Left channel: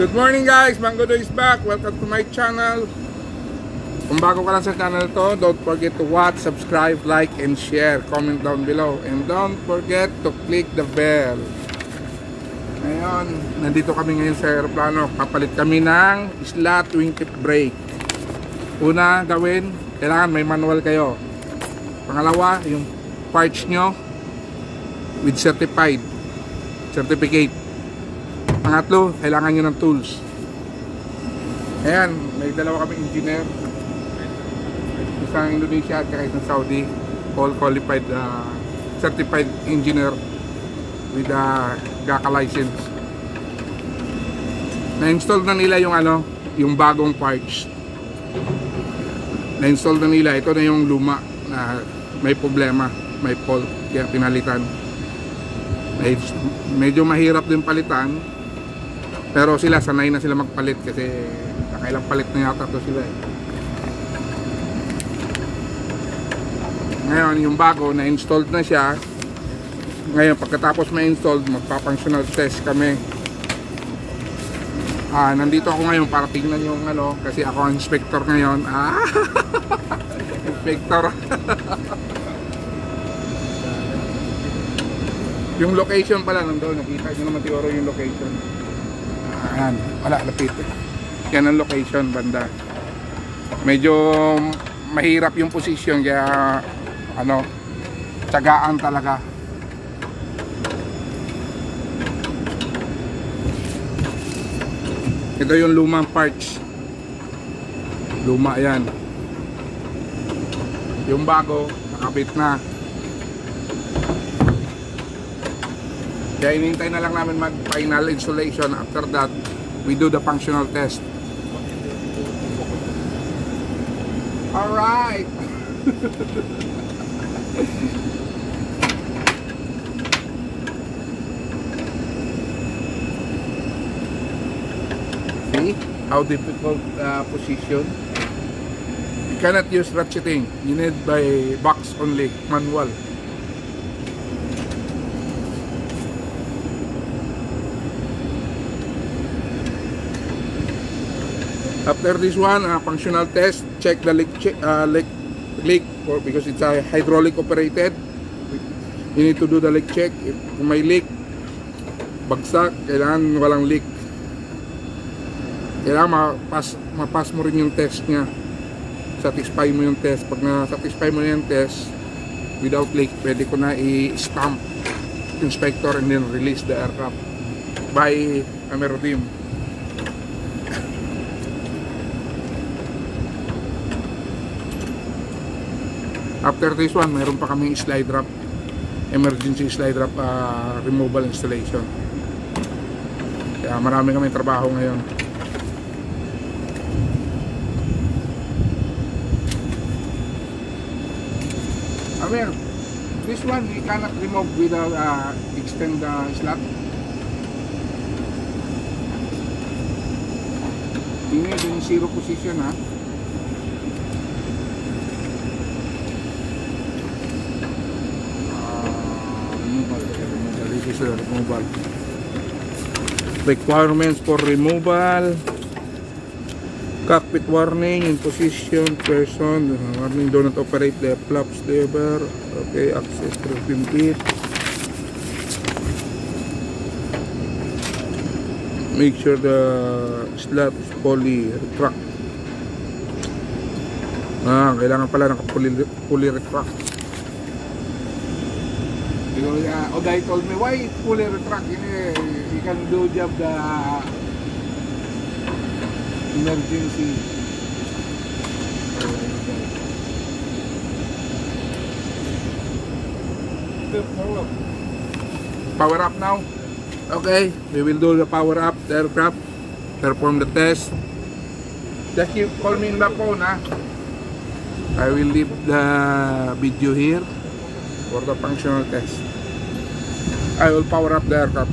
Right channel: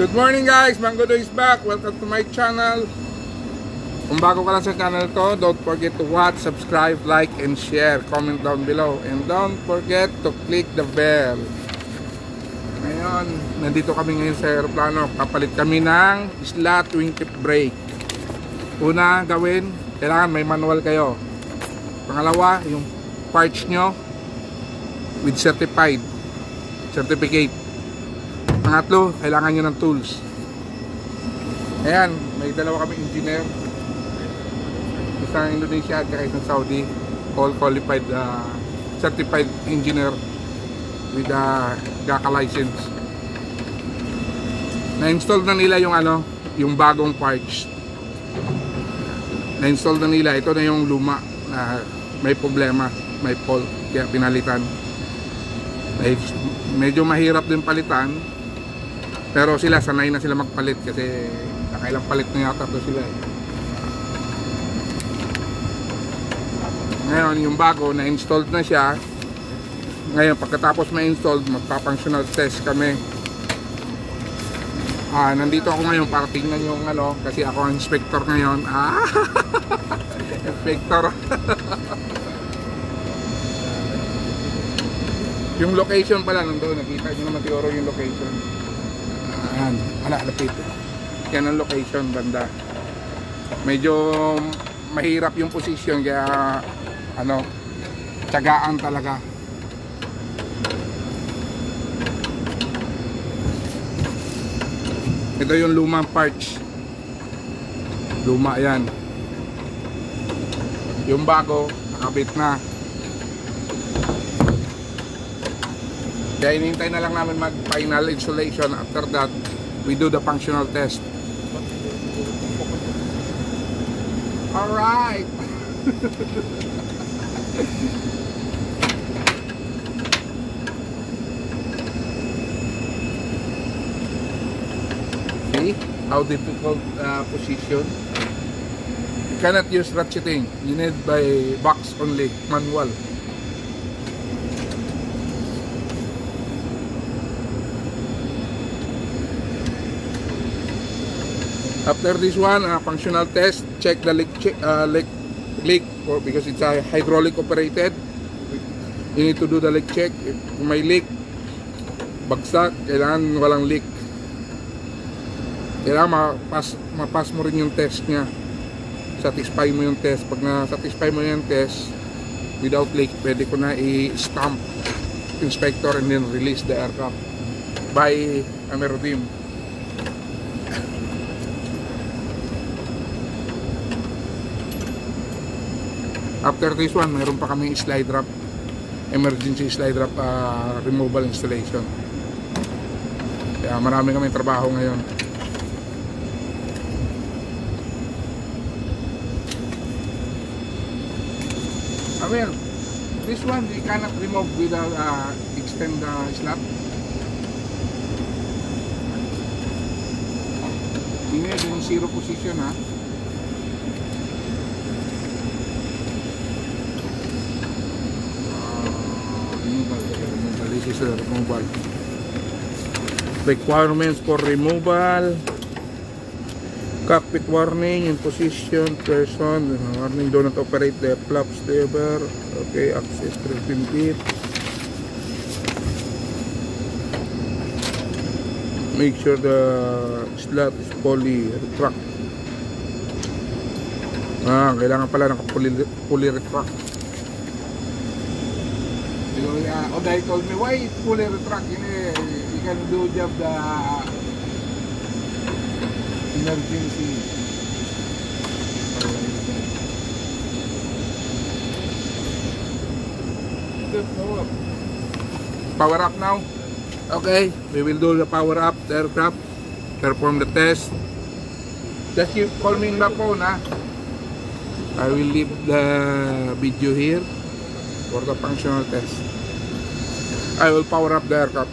Good morning guys, Mangodo is back. Welcome to my channel. Kung bago ka lang sa channel to, don't forget to watch, subscribe, like, and share. Comment down below. And don't forget to click the bell. Ngayon, nandito kami ngayon sa aeroplano. Papalit kami ng Slat 20 brake. Una gawin, kailangan may manual kayo. Pangalawa, yung parts nyo with certificate. Pangatlo, kailangan nyo ng tools. Ayan, may dalawa kami engineer. Isang Indonesia at isang Saudi. All qualified, certified engineer with GACA license. Na-install na nila yung yung bagong parts. Na-install na nila. Ito na yung luma na may problema, may fault, kaya pinalitan. Medyo mahirap din palitan. Pero sila, sanay na sila magpalit kasi nakailang palit na yata to sila eh. Ngayon, yung bago, na-installed na siya. Ngayon, pagkatapos ma-installed, magpa-functional test kami. Nandito ako ngayon para tingnan yung kasi ako ang inspector ngayon. Inspector. Yung location pala nandoon, nakita nyo naman siguro yung location. Ayan, wala, lapit. Yan ang location, banda. Medyo mahirap yung position, kaya tiyagaan talaga. Ito yung lumang parts. Luma yan. Yung bago, nakabit na. Kaya inintay na lang namin mag-final installation. After that, we do the functional test. Alright! See how difficult position? You cannot use ratcheting. You need by box only, manual. After this one, functional test, check the leak because it's a hydraulic operated. You need to do the leak check. If may leak, bagsak, kailangan walang leak. Kailangan mapas mo rin yung test niya. Satisfy mo yung test. Pag na-satisfy mo yung test without leak, pwede ko na i-stamp inspector and then release the aircraft by AIRBUS. After this one, mayroon pa kaming slide wrap, emergency slide wrap removal installation. Kaya marami kaming trabaho ngayon. Amir, this one we cannot remove without extend the slat. Ini in zero position ha. This is a removal. Requirements for removal: cockpit warning in position, person warning, do not operate the flaps ever. Okay, access 13 feet. Make sure the slat is fully retract. Kailangan pala naka-fully retract. Oday told me, why it's fully retract? You can do job the emergency. Power up now. Okay, we will do the power up the aircraft. Perform the test. Just you call me in the phone, ha? I will leave the video here for the functional test. I will power up the aircraft.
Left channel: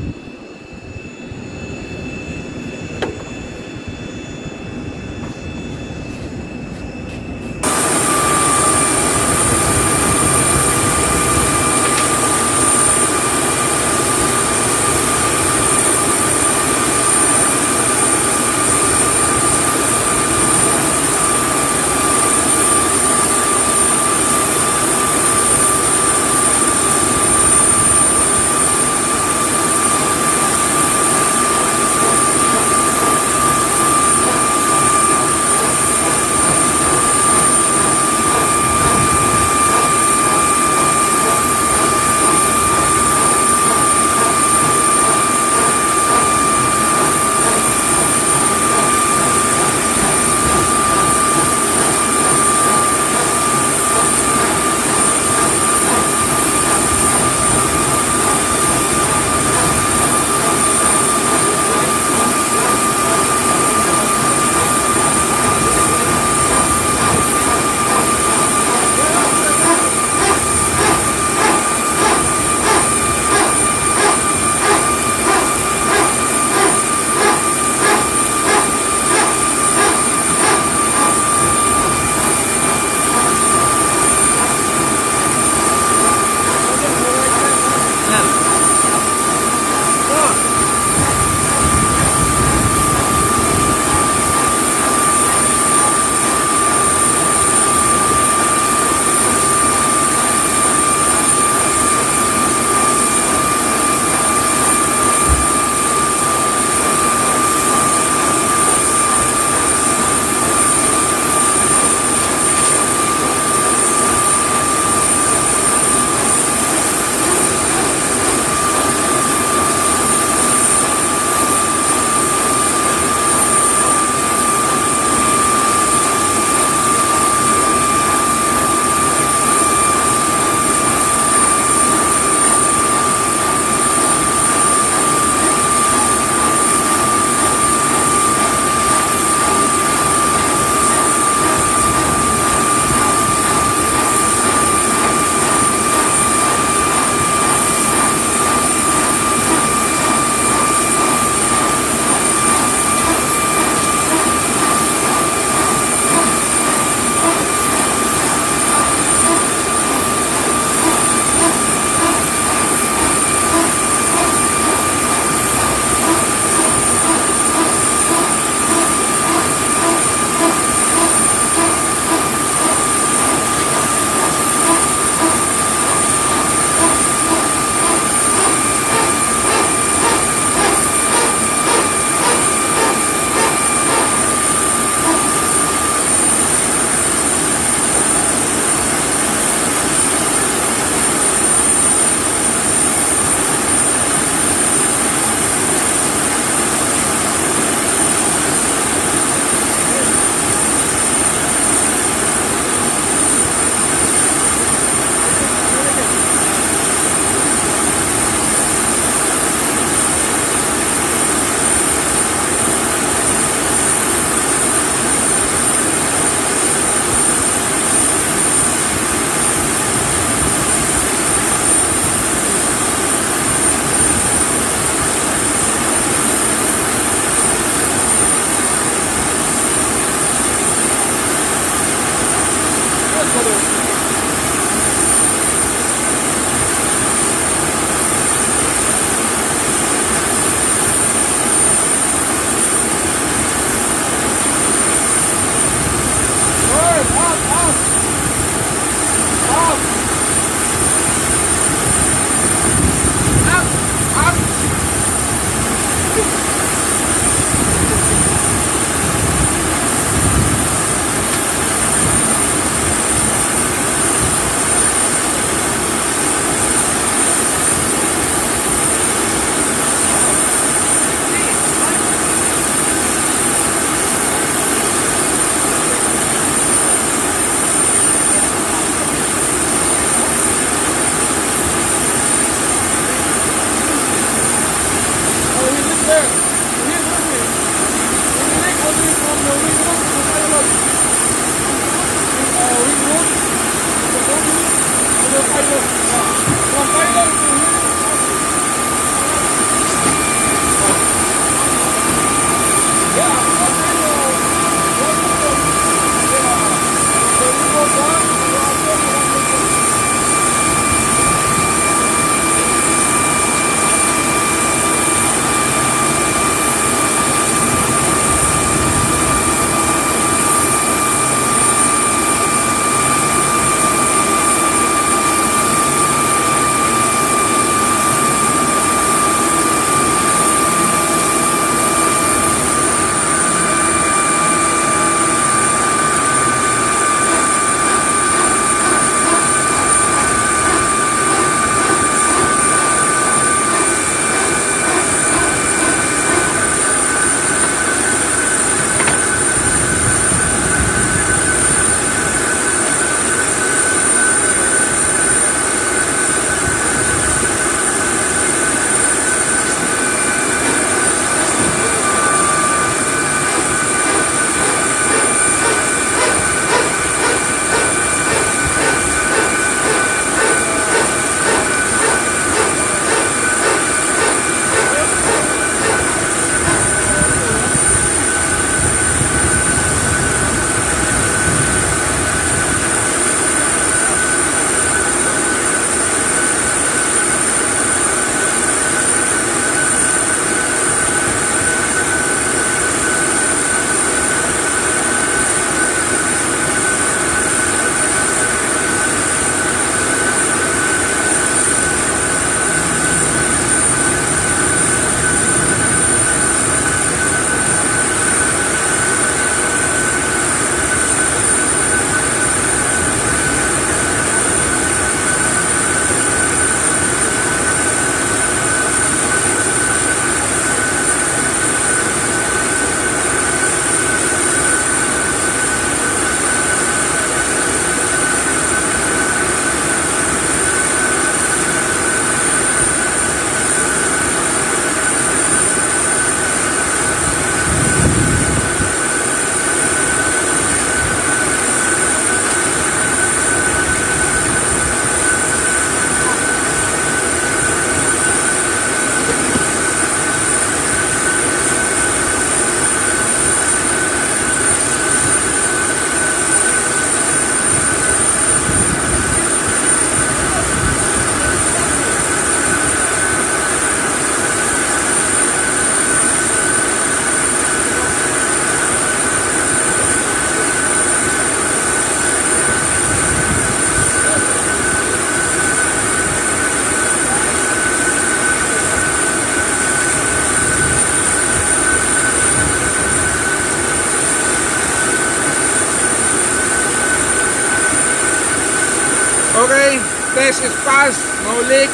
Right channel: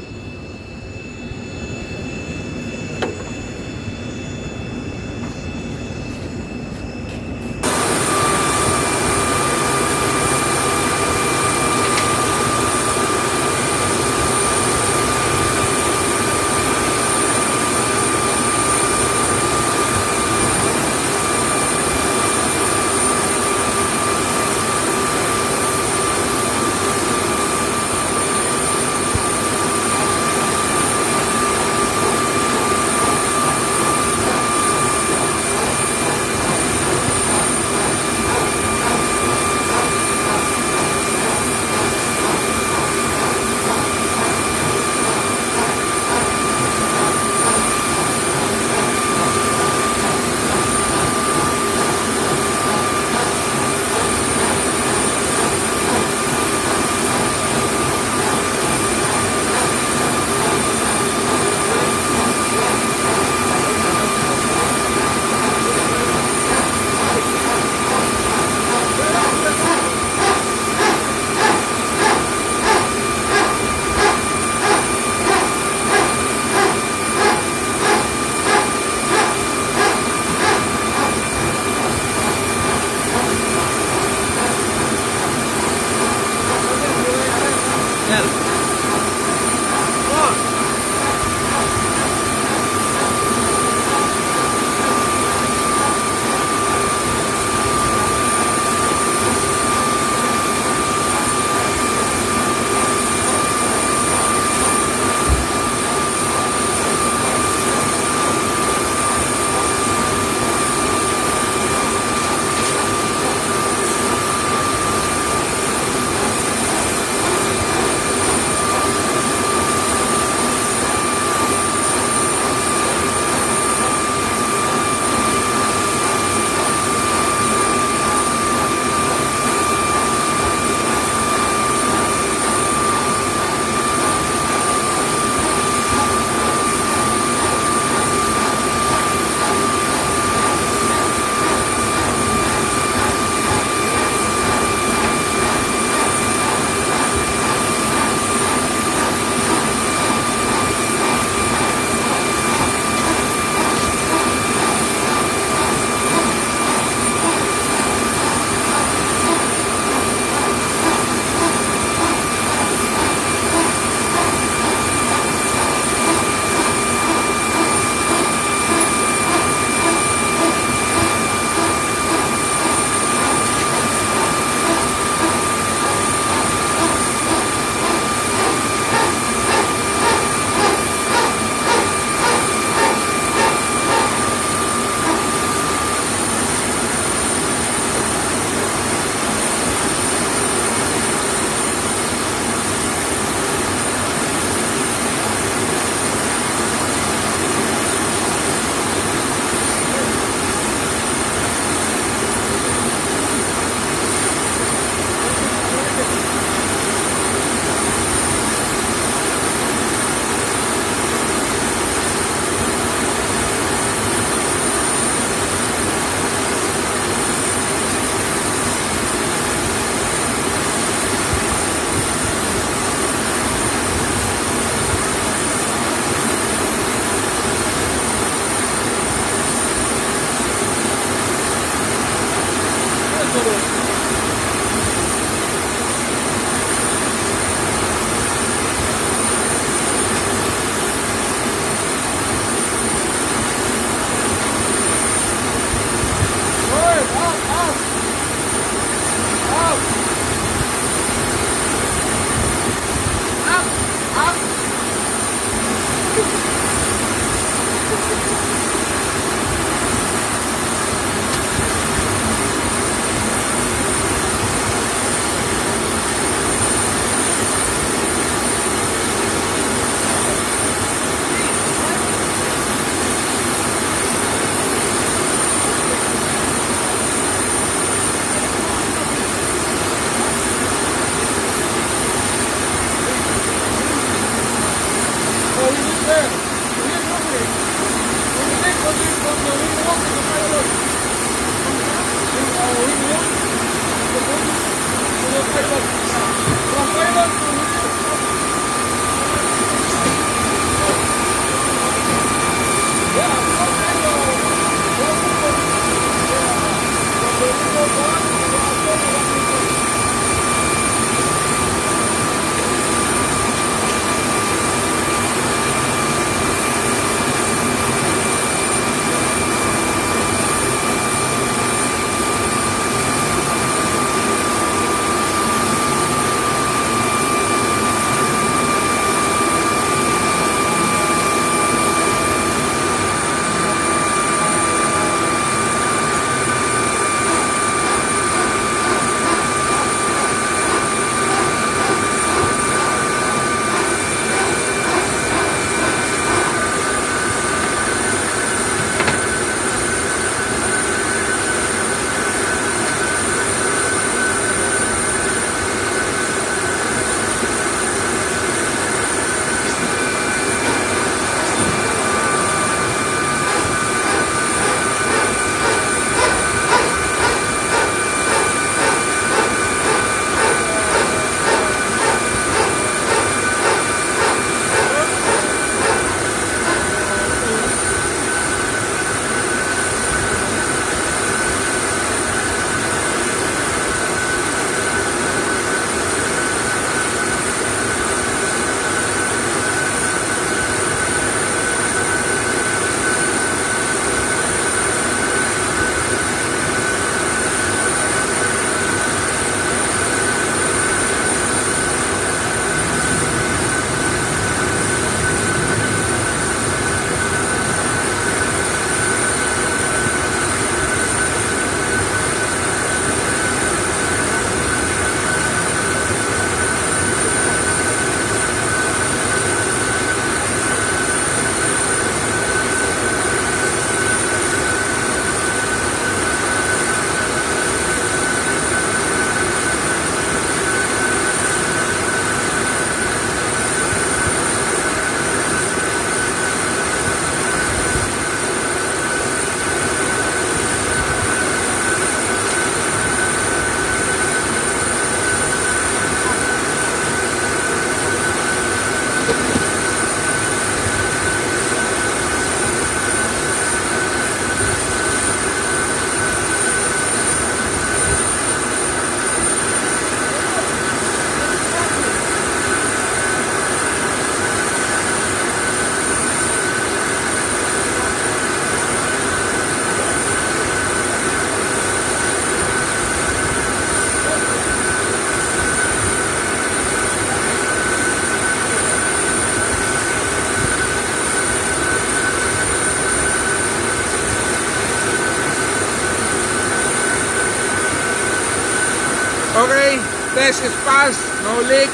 Test is passed, no leak.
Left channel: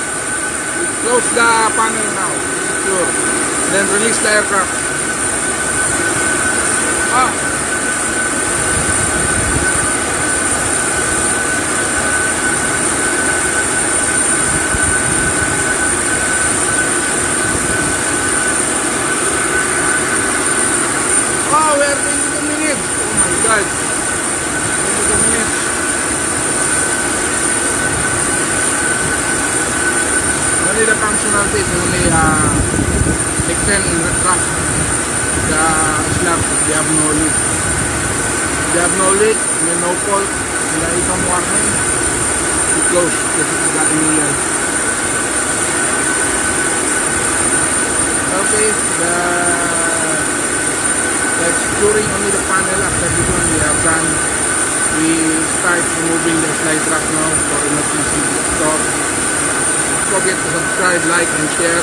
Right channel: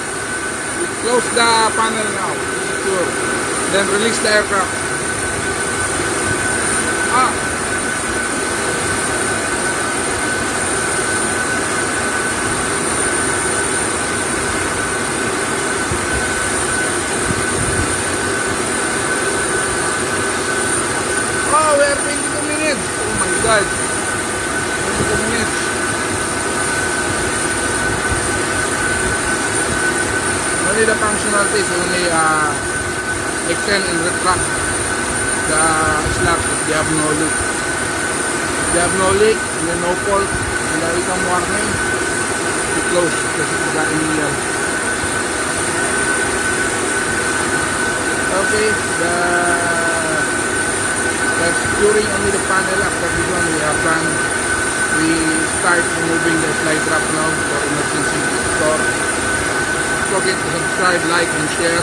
We close the panel now, secure. Then release the aircraft. Oh, we're 22 minutes. Oh my God. 22 minutes. Only the functionality is only extend and retract the slot if they have no leak. If they have no leak and then no fault and there is some warning, we close because it's the email. Okay, that's securing only the panel. After this one we have done. We start removing the slide wrap now for emergency store. Don't forget to subscribe, like, and share.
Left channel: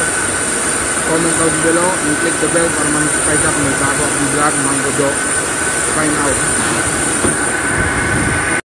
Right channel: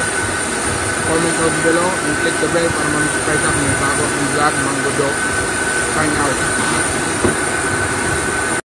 Comment down below and click the bell para ma-notify ka kung may bago akong vlog. Mango Do. Sign out.